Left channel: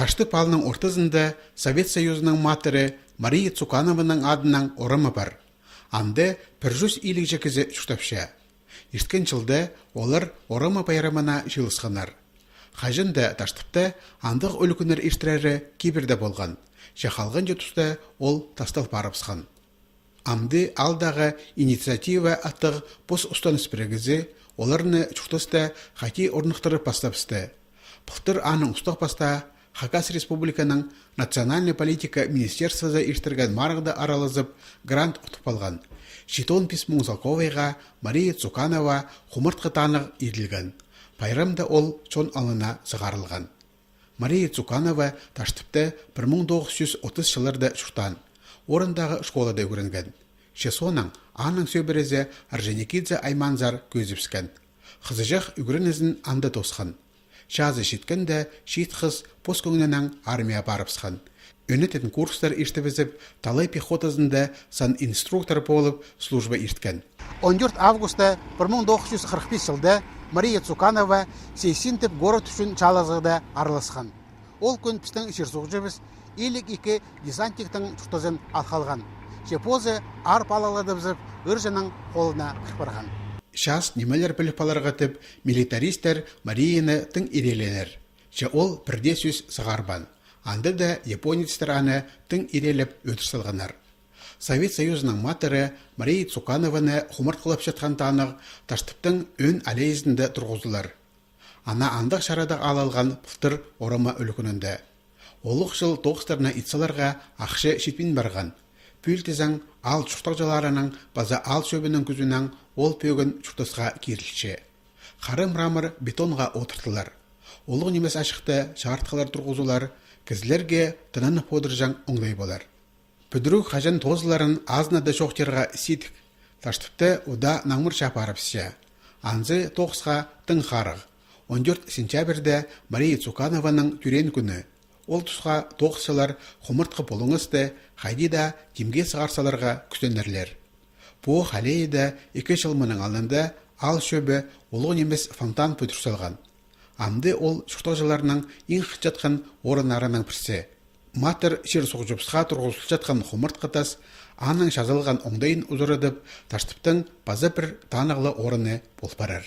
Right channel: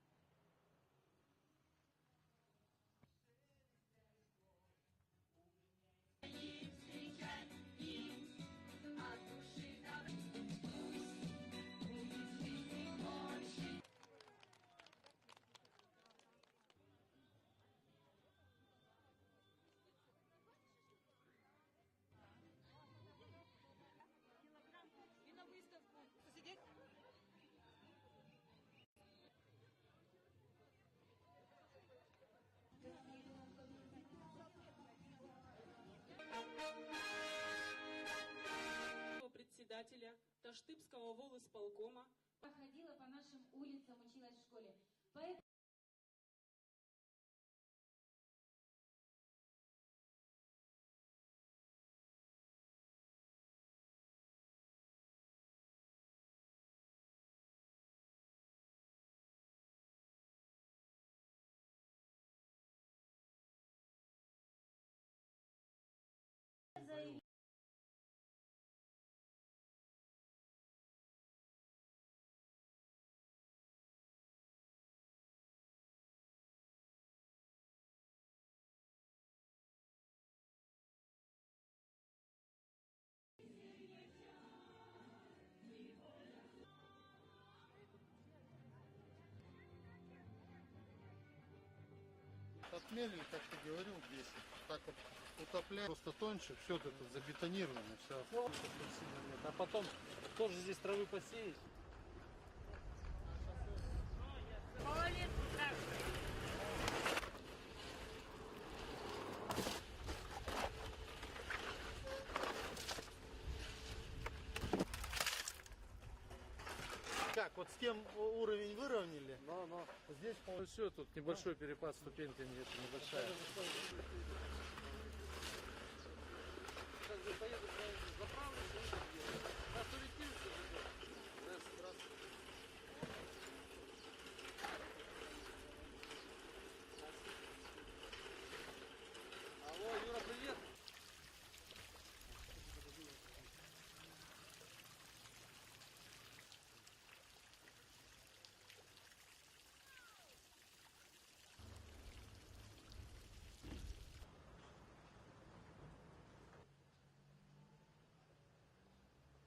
Таштып алының ортызында Совет Союзының матыры Мария Цуканованың адынан орымы бар. Анды 100 илік жекізі жүктапша. Ирткен жылда олар орымы байрамына жылысқанар. Қажында таштыпта андық өлкінер иштірәрі киберді болған. Шақалған жетісті ол тастал барыпсқан. Амды алдағы инициатива аттық бос ұстаныс бірігізі оларыны жүктісті қати орнықтырып бастапсты. Бұқтыр аның ұстық баста Хакас Республиканың Национальный политика министерствода иштірген марғды аралызып грант ұтып алған. Шитон письму Залковайға Мария Цуканова құмыртқы танық еділген. Пайрамда ол чон алына зығарылған. Мария Цуканова таштыпты 1930 жылырда шуқтан. Орындағы школада көрінген. Шесоның аның сөбірізі Арженикидзе Айманзар көзіпскен. Қызыжақ үгірінізін анда тосқан. Жазы шеткенде шет қыз поскөңненің армия барыпсқан. Өнететін курстар иштібізіп, талай пехотазында сан инструктор болып служба ишткен. 14 августа 1945 жылда Мария Цуканова сейсинтіп город үшін чалазығда араласқан. Ол күн пістің ішерсуғжыбыз елік екі десантиктің тұқтызын алқалған. Шепозы арп алаладыбызып, үржінің қолына кірпарған. Шас немелер біліп аларғатып, милитаристер Марияны тың иреленер. Че ол бірде сөз сығарбан. Анды да японецтер аны тың ирелеп өтірсілғанар. Совет Союзының матыры Мария Цуканованы құмыртқылап жатқан танық таштыптың өн алейізінде тұрғызылар. Ана андық шарада алалған бұқтыр орама өлкінінде. Олық жыл тоғыстарына итсаларға ақшы шетпен барған. Пүлтізің ал чұқтақжаларының база ал сөбінің күзінен ол пөгін чұқтысқа керілші. Қарым рамыр бетонға отыртылар. Олық немес ашықты шағыртқалар тұрғызулар, кізлерге тынаны подыржан оңлай болар. Бүдірік қажан тозыларын азнады шоқтерға сетік. Таштыпты ұда наңмыр шапарыпсы. Анзы тоғысқа тың қарық. 14 сентябрьде Мария Цуканованың түрен күні. Ол тұсқа тоғысылар құмыртқы болыңызды қайдида демге сығарсаларға күстенерлер. Бұ қалейді 2 жылмының алында ал шөбі олығын емес фонтан пөтірсалған. Амды ол шұқтағжыларының ең жатқан орынарының бірсе. Матыр шер соғжыпсыға тұрғызыл жатқан құмыртқы тас аның жазылған оңдайын ұзырыдып, таштыптың базы бір танығылы орыны бол барар.